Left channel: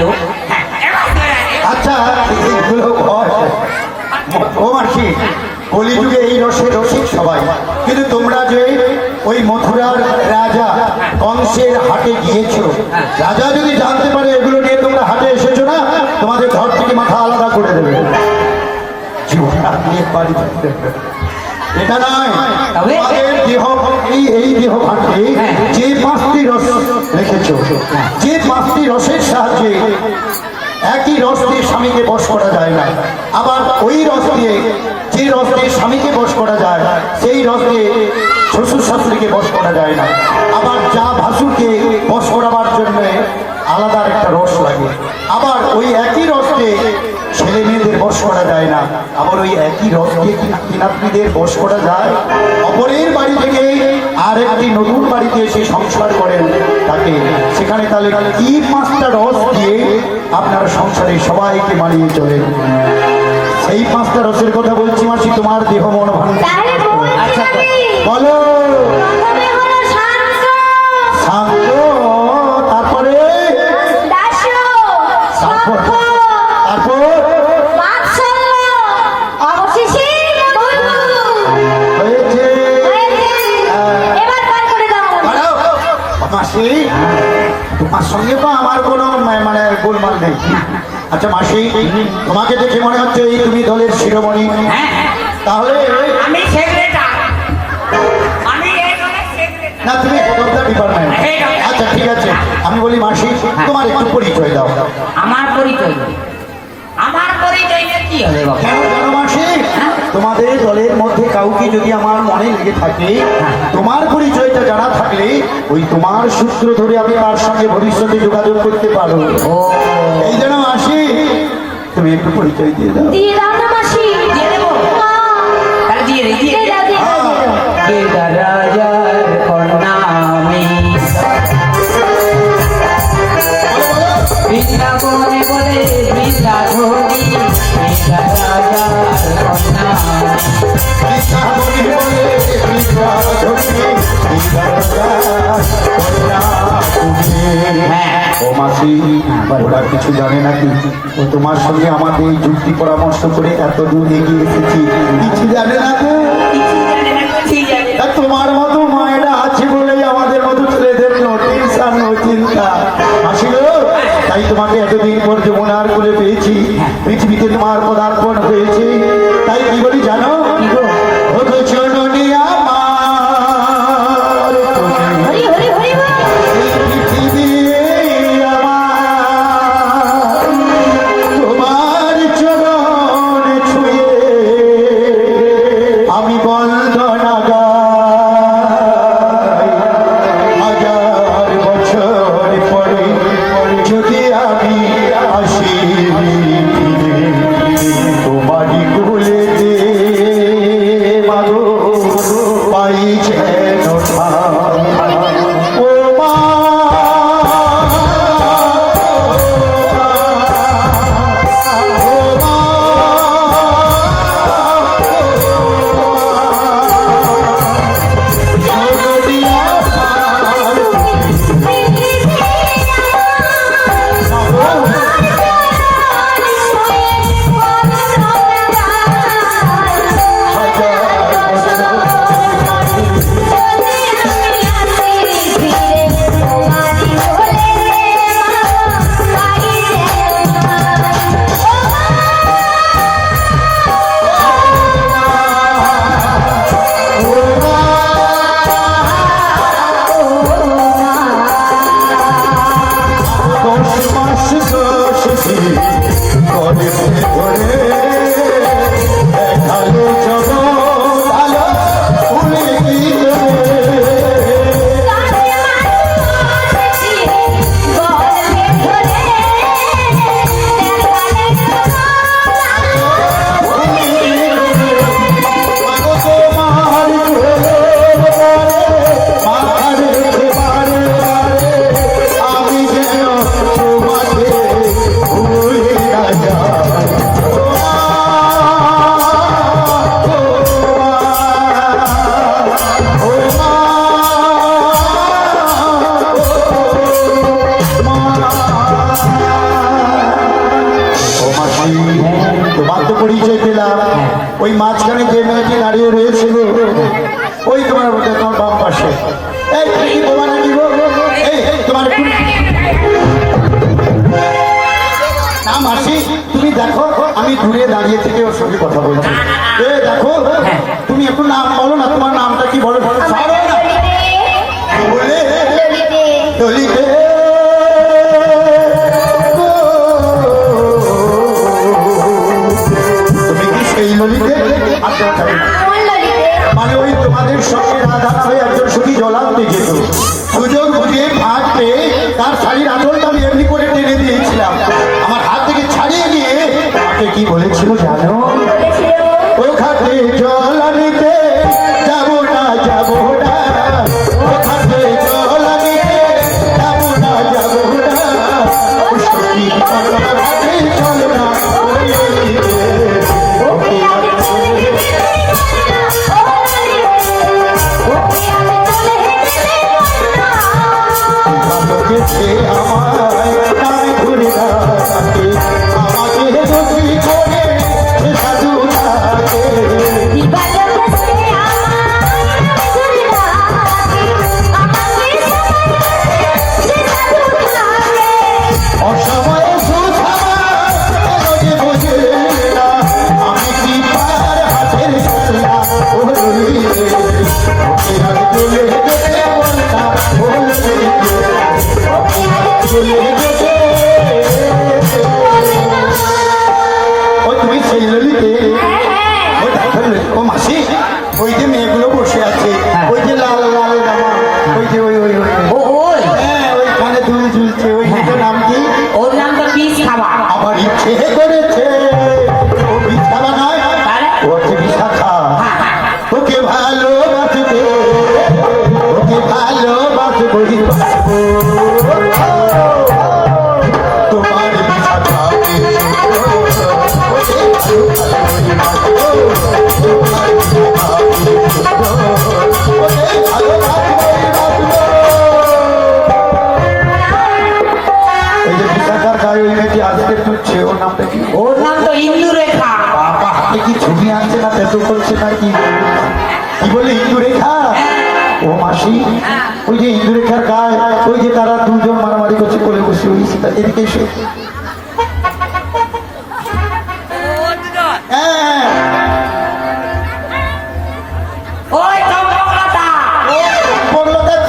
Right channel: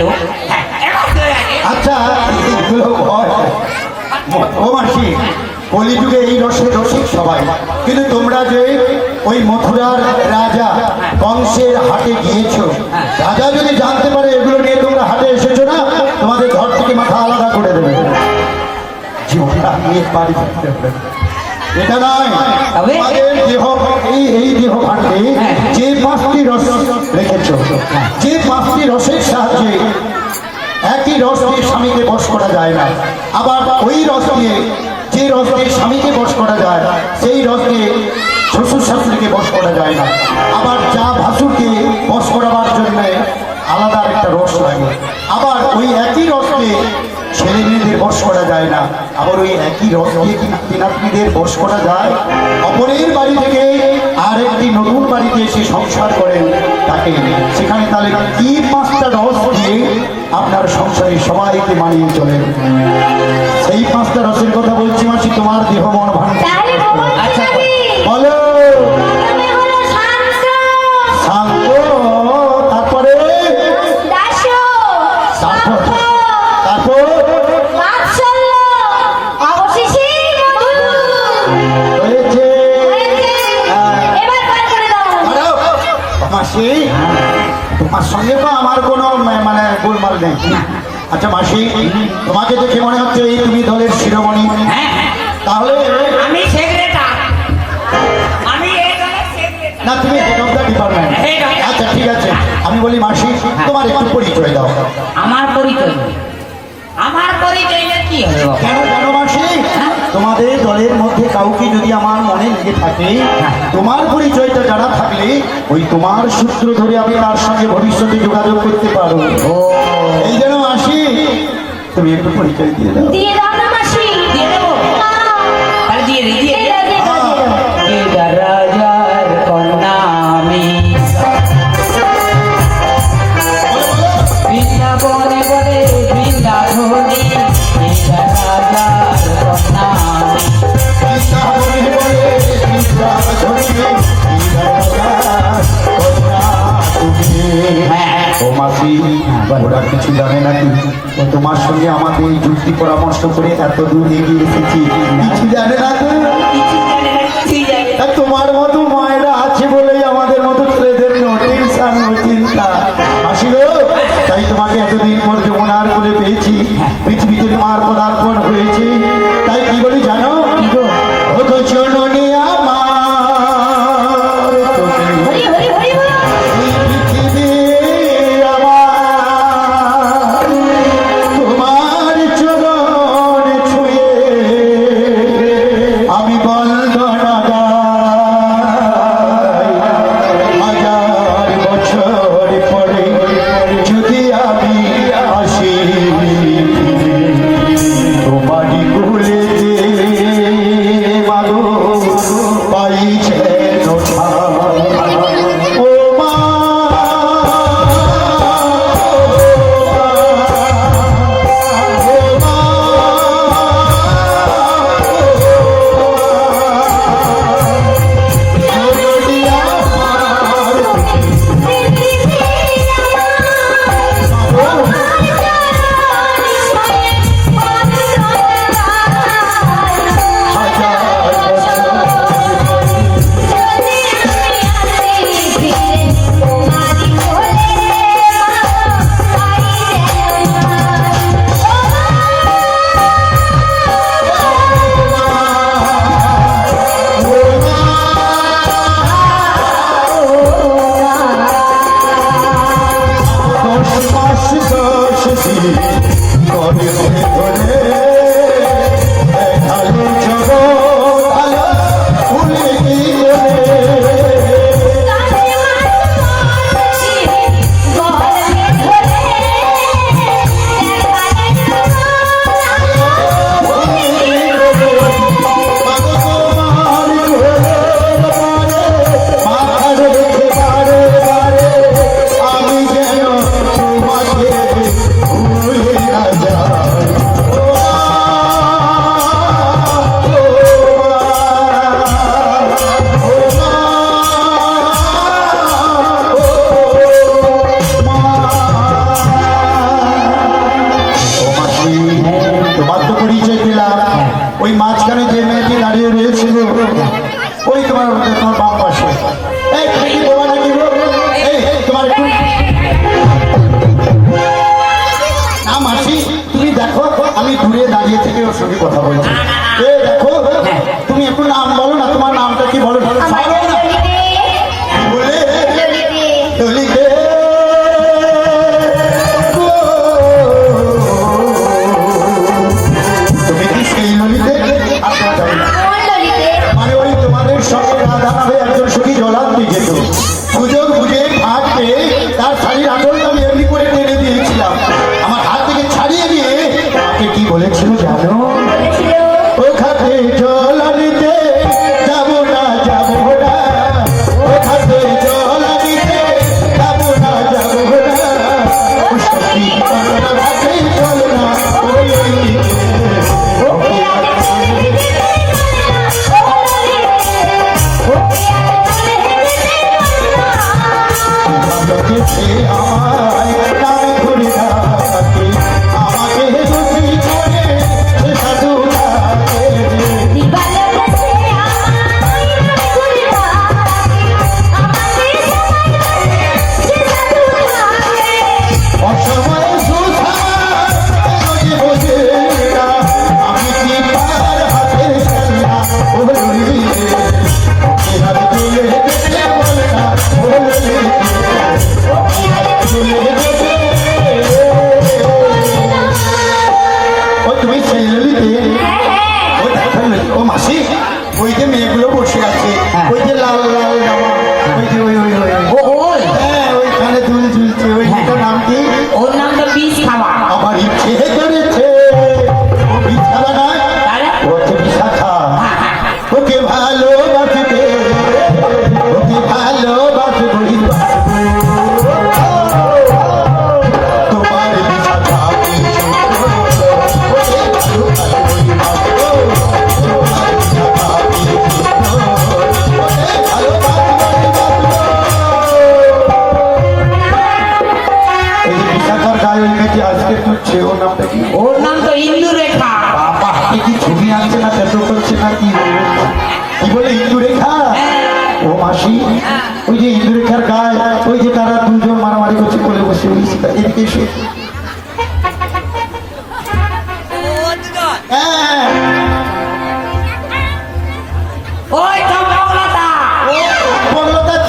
Hello. আচ্ছা ও মাসি, কলিযুগে এই রসে রসিক সবাই। কিন্তু তোমরা যে ওই মথুরার রাজা কংসের হাটে গিয়েছো, রাজা যদি জানতে পারে এগুলো নিয়ে তোমরা হাটে এসেছ না, তোমাদের ঘর থেকে মাথা আলাদা করে দেবে। জীবনটা নিয়ে হবে। এটা নয় তবে? তোমাদের দেহ এই স্বামীকে বশ করা যায় না। সেই রস শ্বশুর শাশুড়িকে বশ করা যায় না। আবার যা ভাসুরকে বশ করাবার জন্য আলাদা রস লাগে। আবার ওই একই রস ছেলে মেয়েদের বস করা যায় না। আবার ওই একই রস দিয়ে বশ করা যায়। অপরের বাড়ি থেকে আর একটি নতুন বাড়িতে এসে সংসার করেন তাকে। সেখানে তাহলে কি পাঁচটা রস দিয়ে আপনার সংসারে সবাইকে মানিয়ে চলেন। সেই পাঁচটা রসের কথা বলছি মাসি, তোমার দেহ আমার কোনো মানে গোলমাল নেই। আচ্ছা মাসি তোমাকে দেখে মনে হচ্ছে এই তুমি দলের শিরোমণি। তাহলে আমি না তুমি ডিপার্টমেন্ট আচ্ছা ঠিক আছে। আমি বলি মাসি তোমার একটু পরিচয় দাও। আমার পরিচয়? আমার পরিচয়টা কি হবে বাবা? কেন কেন মাসি তোমাদের দলের মধ্যে কাউকে যদি আমার লেগে থাকে তোমার পরিচয়টা জানা থাকলে ওই তোমার সূত্র ধরে আমি তার সঙ্গে ভবিষ্যতে যোগাযোগ করতে পারব। এই জন্য আসি তুমি একটু পরিচয় দিয়ে দাও। ওরা কিছু জানে নাকি? ও তোমার সঙ্গে আমাকে যুক্তি পরামর্শ করে এত দূর এগিয়ে এসেছি। কিছু জানে না সঙ্গে রাধা হয়ে একজন সখী জলাপ যেত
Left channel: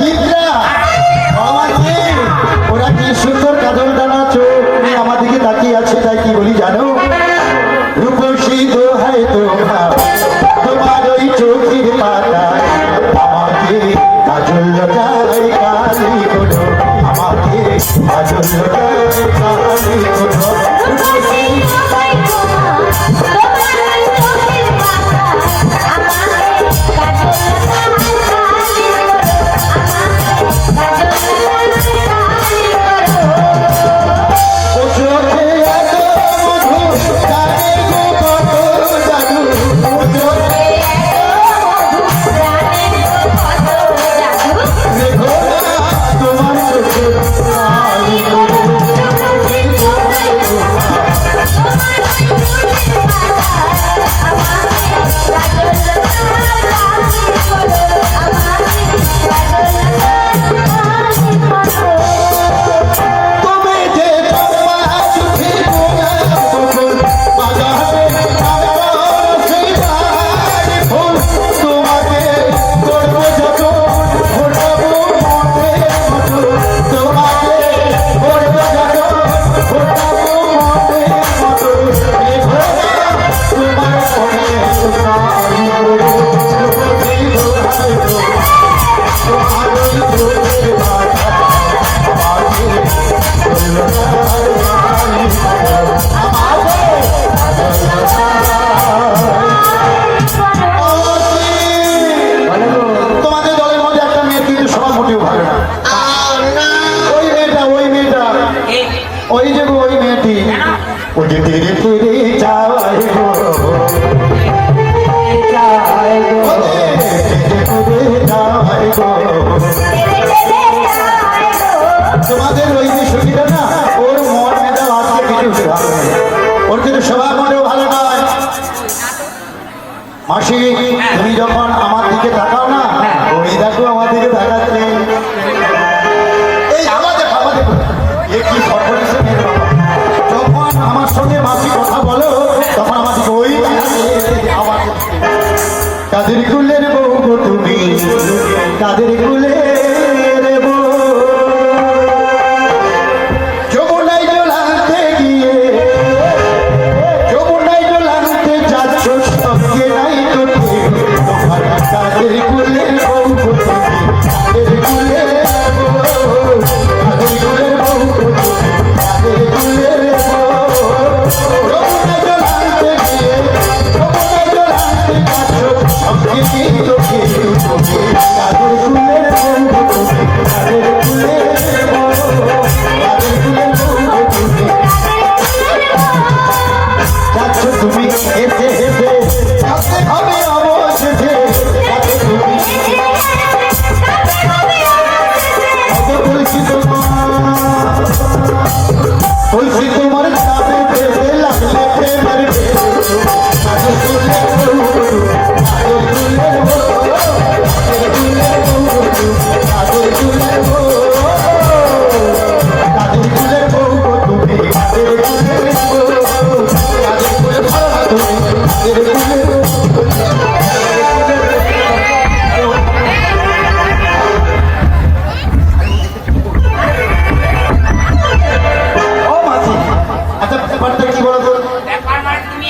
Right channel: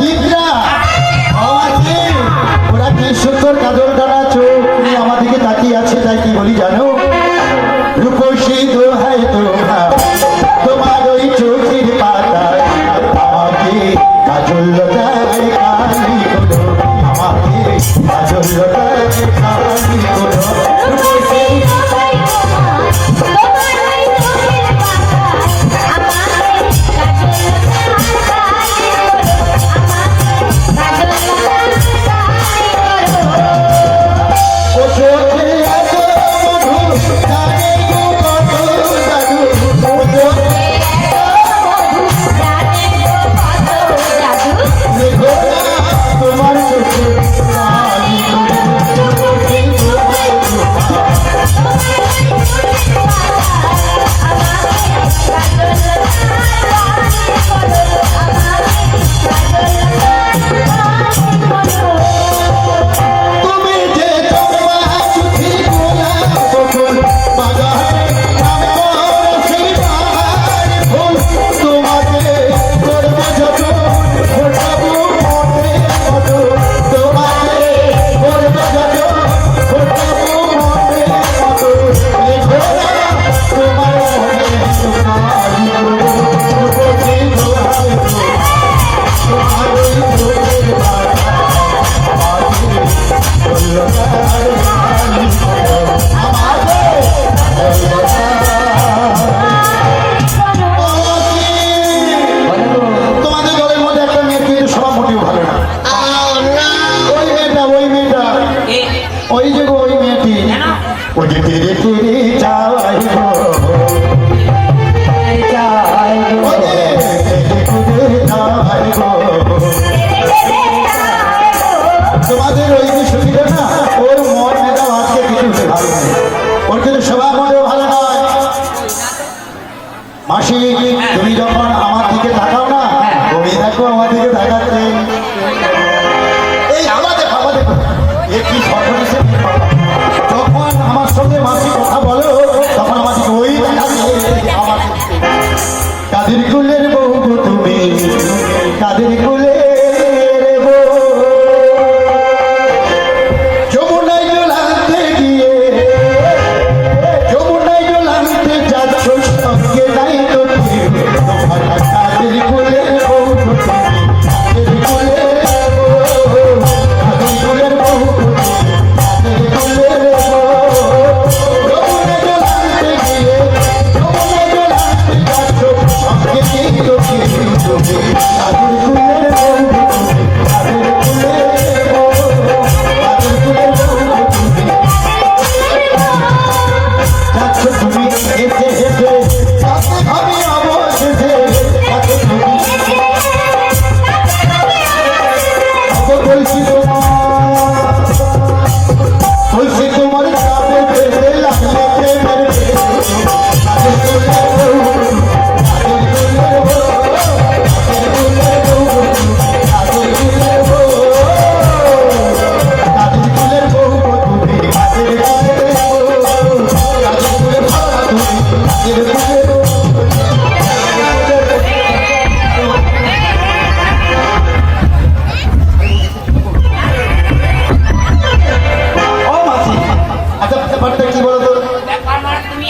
keep Yeah.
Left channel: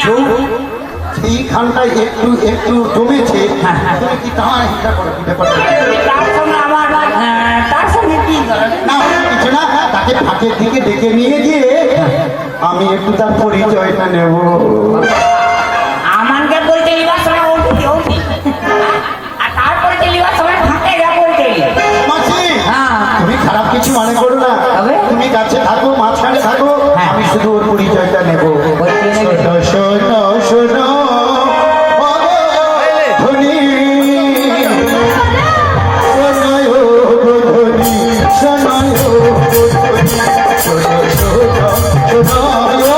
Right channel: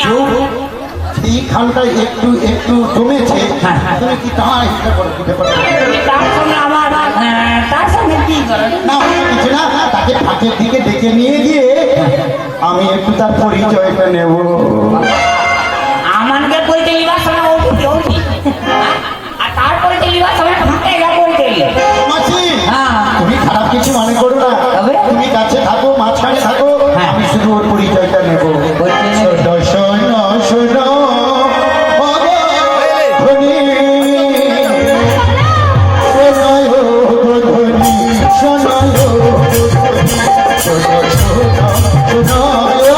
একটু এই খালটা একটু একটু জমেছে। হ্যাঁ, হ্যাঁ। তাহলে কি তাহা একটা করে তাকে ফাঁকের দিকে ডেকে নিয়ে গিয়ে হ্যাঁ। আমি একটু তার পরিচয়টা নেব। Gözüm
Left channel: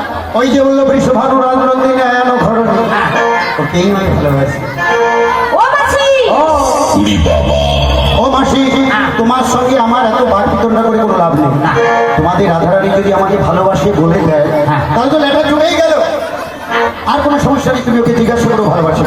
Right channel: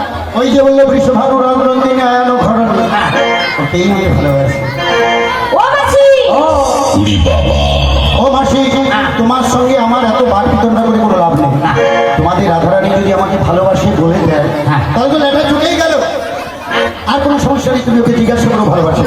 ওই যে বলল বৃষভানু রঞ্জনী আয়ানো খরচ ওকেই ভালোবাসি। তোমার সঙ্গে আমার এত বার বিতরণা করে কোনো লাভ নেই। তোমাদের রাধারানী যদি আমাকে ভালোবাসে বলে দেয় তাহলে তো লেখা চলেই গেল। আর কোনো সমস্যা নেই তুমি ওকে জিজ্ঞাসা করো ভালোবাসে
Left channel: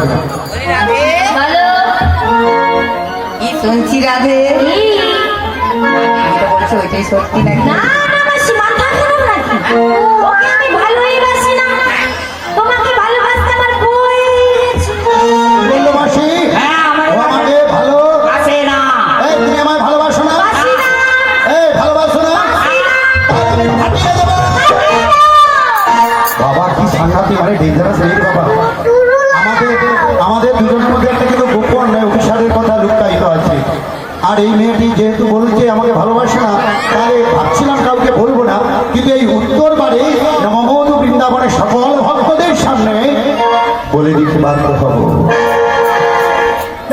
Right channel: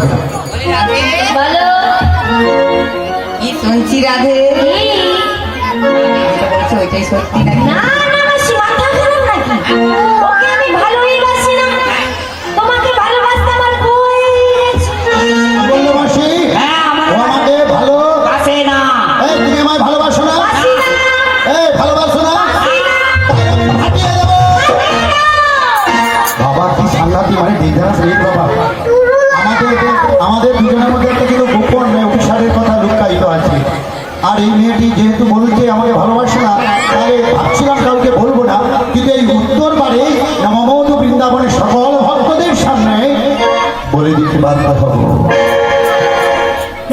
বলে দিতে বাধ্য হব।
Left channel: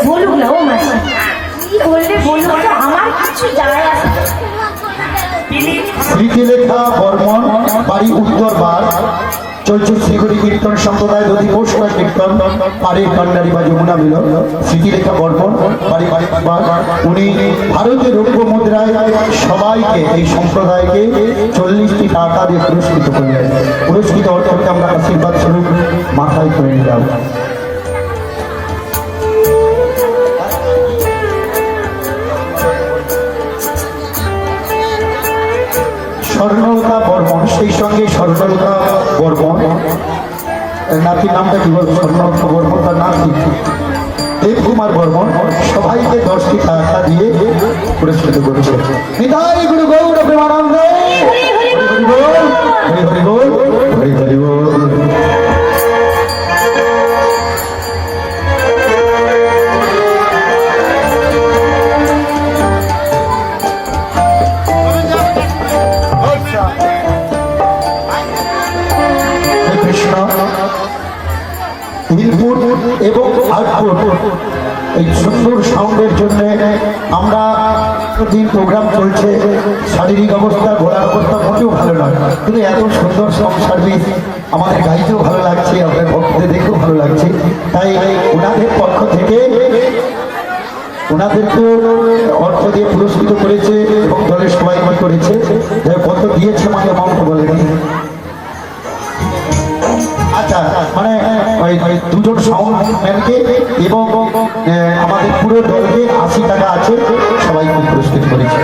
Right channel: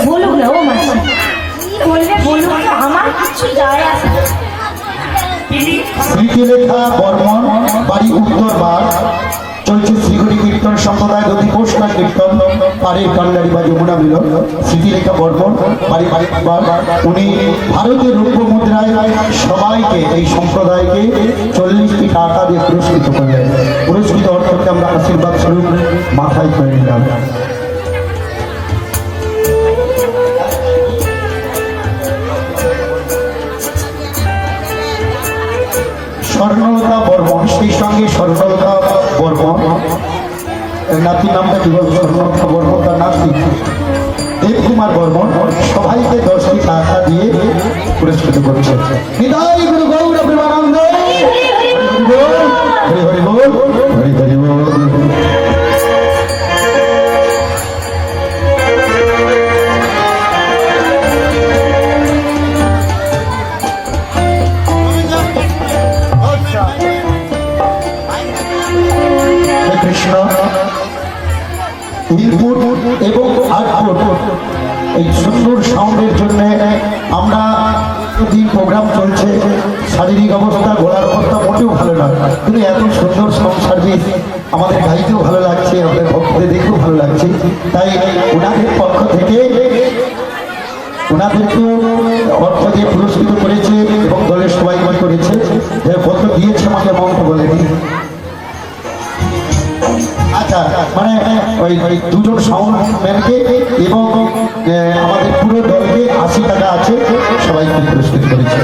বলুক না ও মাসি। কি বললে বলুক আমার কিছু যায় আসে না। স্মৃতিলেখা বর্মন বাড়ি উত্তর বার। চলছে শ্রীহরি কীর্তন, সম্প্রদায় পুষ্কর কীর্তন পাড়ি কান্ডারি বা যমুনা মিলন বাড়ি বাড়ি উনি ভারতের মুদ্রায় সবাইকে, এই সম্প্রদায়কে চল্লিশটি টাকা দিয়ে পুরস্কৃত করলেন পুরস্কৃত আমরা আশীর্বাদ স্বরূপ মাথায় করে নিলাম। স্বর্ণলতা বর্মন, সেই সঙ্গে স্বর্ণলতা বর্মন এর নাতি নামটা কি তার নাতি? দেবকুমার বর্মন সবাইকে দশটি টাকা দিয়ে পুরস্কৃত করেছে। তাই ওনাদের পক্ষ থেকে ওনাদেরকে অর্থ দিয়ে পুরস্কৃত করেছে এবং দলের সবাই করেছে। কত দিয়েছে আমাকে মমতা বলেনি আচ্ছা মানে ওই দুজন সংগঠনকে এবং আমাদের পুরো দলকে আশি টাকা আছে, সবাইকে পুরস্কৃত করেছে।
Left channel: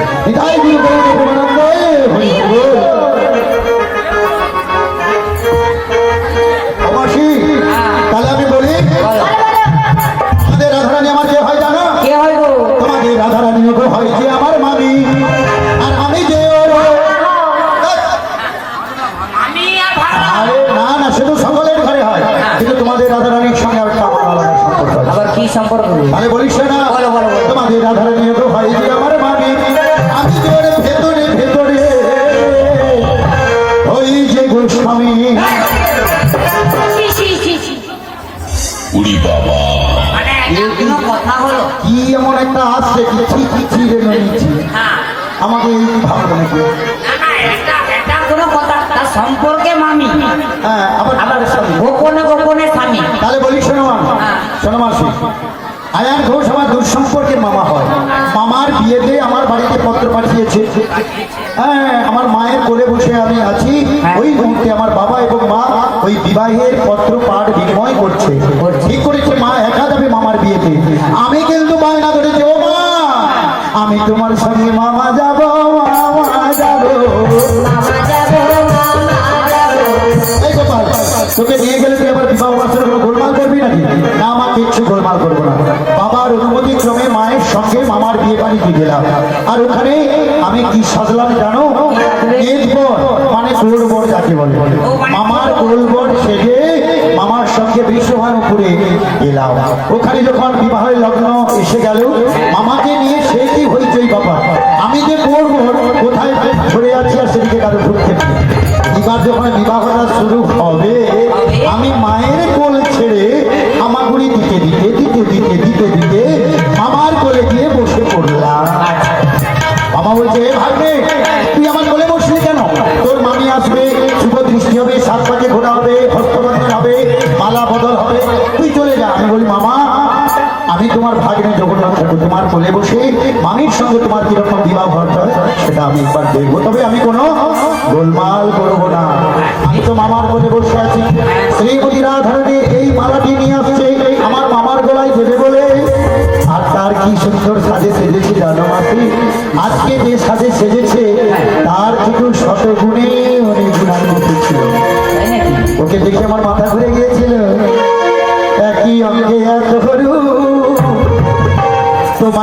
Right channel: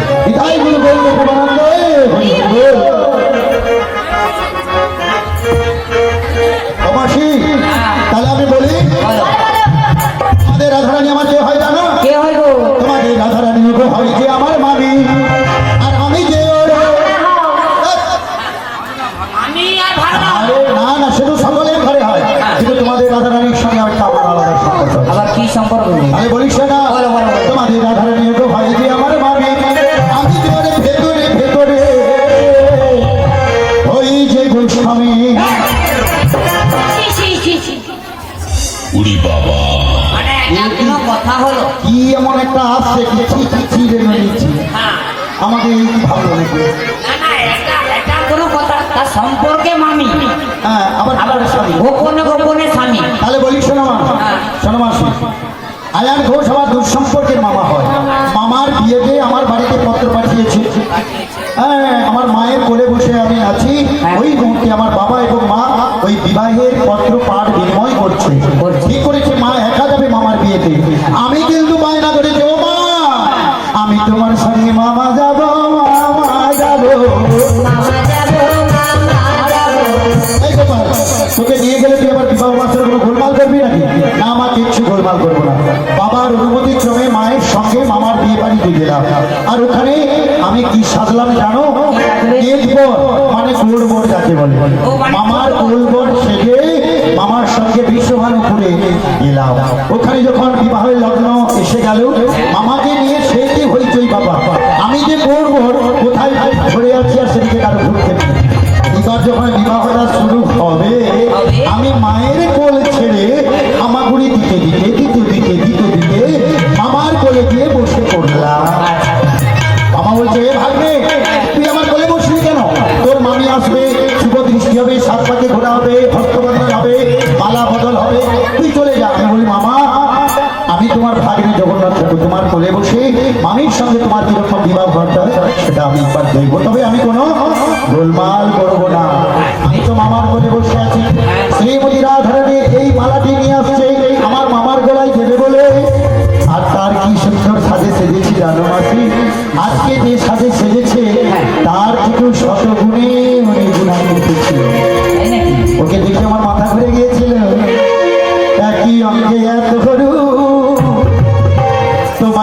সম্পর্ক আরে বলিস না। বলো, বলো। তোমাদের রাধারানী তো হয় যে আমার মামি আমি যে ভেতরে ভেতরে। ওই যে গোস্বামী। ছি, ছি, ছি, ছি। উড়ি বাবা। মানে এটা কোনো কথা হলো। কি এমন একটা আসছে কি? ছি ছি ছি রে মেরেছি হ্যাঁ। আমাকে এই ভালো নাকি না, না, এটা এটা কোনো কথা। তার সম্পর্কে মামি। হ্যাঁ আবার গোপনে গোপনে স্বামী। তাহলে বলি শোনো মা। শোনো মাসি। আয়ান ঘোষ আমার দুঃসম্পর্কের মামা হয়। মামার বিয়েতে আমার বাড়িতে পত্র পাঠিয়েছে। হ্যাঁ আমার মায়ের কোলে বসে আমি আছি। ওই মুহূর্তে আমার বাবা এবং মা ওই বিবাহের পত্র পাঠ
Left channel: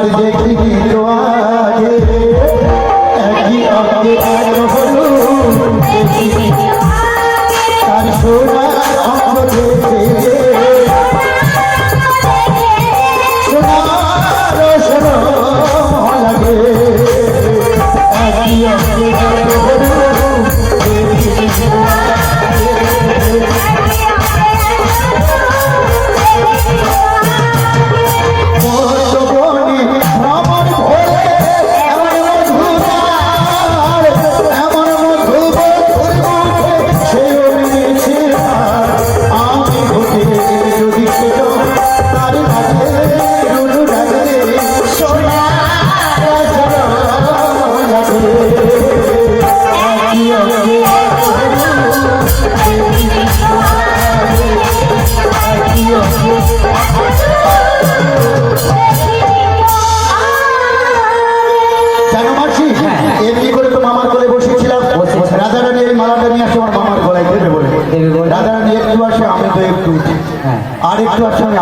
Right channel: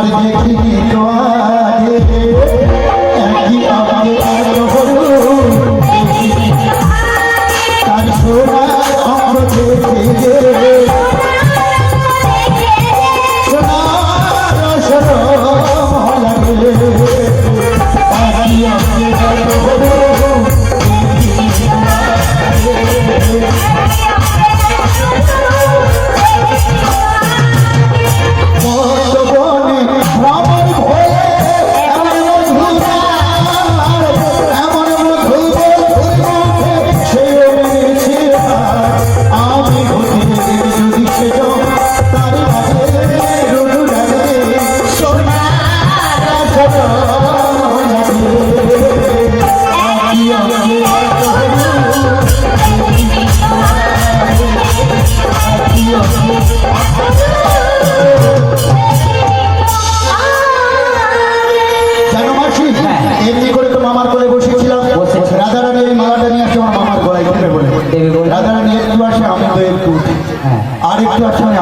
Thank you. আর